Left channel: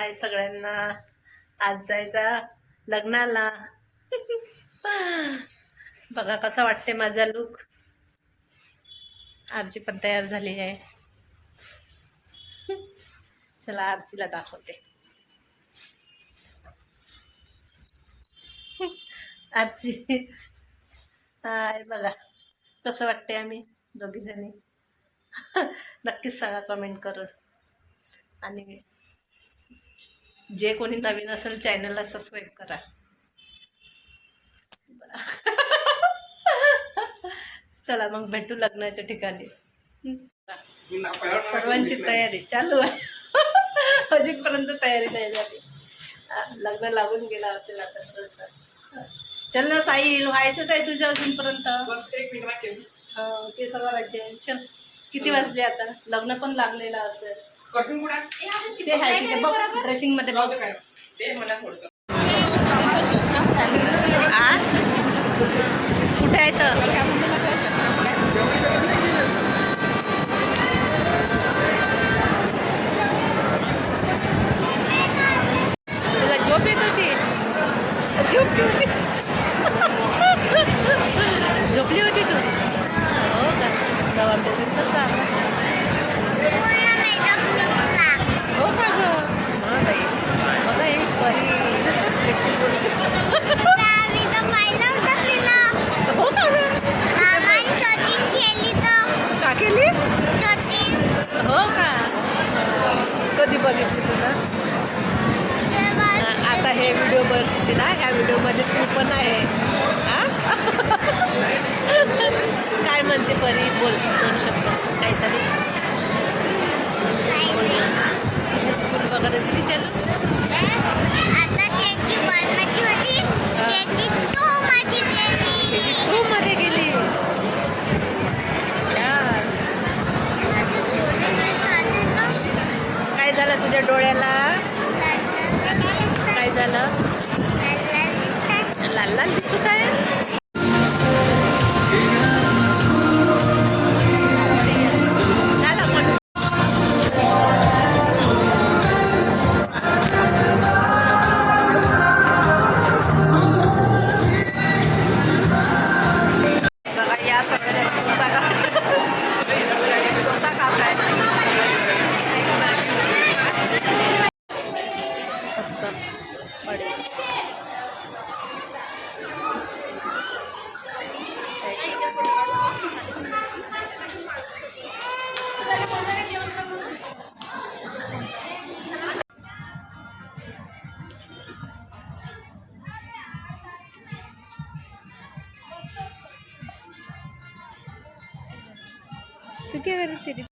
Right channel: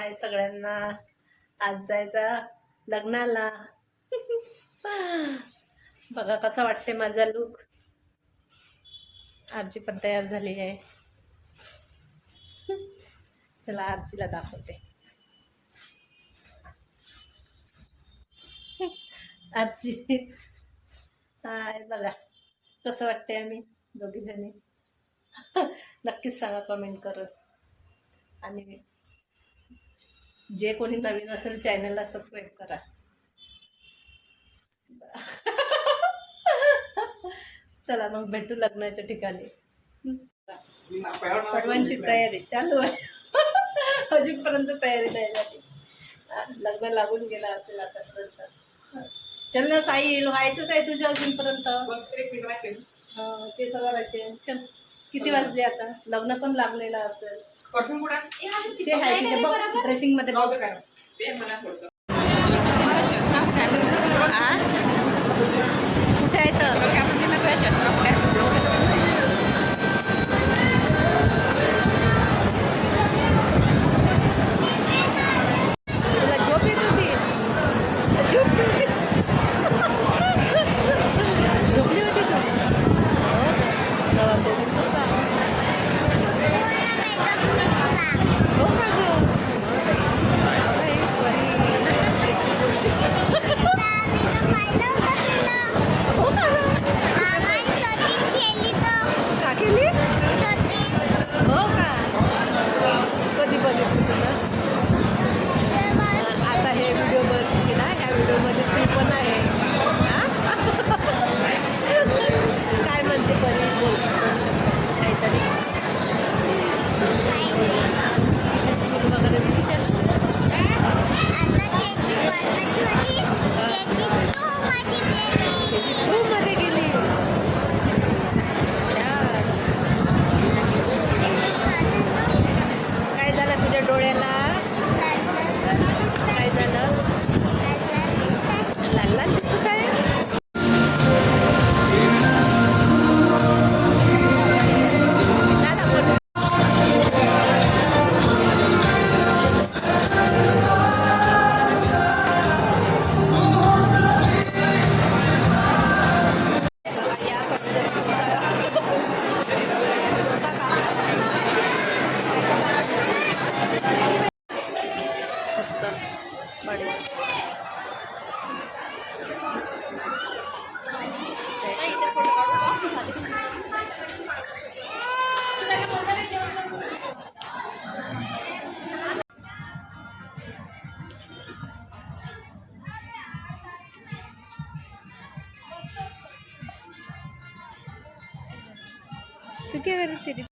हाय सगळ्यांना. आज जायचा लग्नाला. बघा कसा वाटते माझा लुक आरची पण तयार झाली आहे. चला आरचीला दाखवते. आरची हाय बघा. कसं वाटते आम्ही दोघीजणी? नक्कीच सांगा कमेंट करून. आणि जे कोणी नवीन असेल चॅनलला सबस्क्राईब करा. चला मग भेटू लग्नाच्या ठिकाणी. सर्वांची तयारी चालू आहे. अजूनपर्यंत तयारी नाही झाली. लग्न लागून गेला असेल आता चल ना साईल व्हायचंच आहे तुझं अजूनपर्यंत. बस एक मिनिट केस. हा, केस करायचे चल किती वाजले आता? लग्न पण लागलेलं असेल. परफ्यूम कुठे आहे? ते आहे तिथे बघ ड्रेसिंगमध्ये बघ. ते मला थोडं आ? कुठे आहे तर? तुला झोप येत होती? झोपली होती. झोपली होती तू? हो का? पण कसा बघितली तुला? आता हे व्हिडिओ बघते ना ह्या व्हिडिओमध्ये तू पण आहे. काय म्हणते परी? बोल दोन शब्द काहीतरी. तुझी स्कूल वगैरे दिली चल त्याची टू मध्ये गेली छान काय झालं तुझ्या डोळ्याला. काय झालं? लाल लाल दिसत आहे? तू काय बरं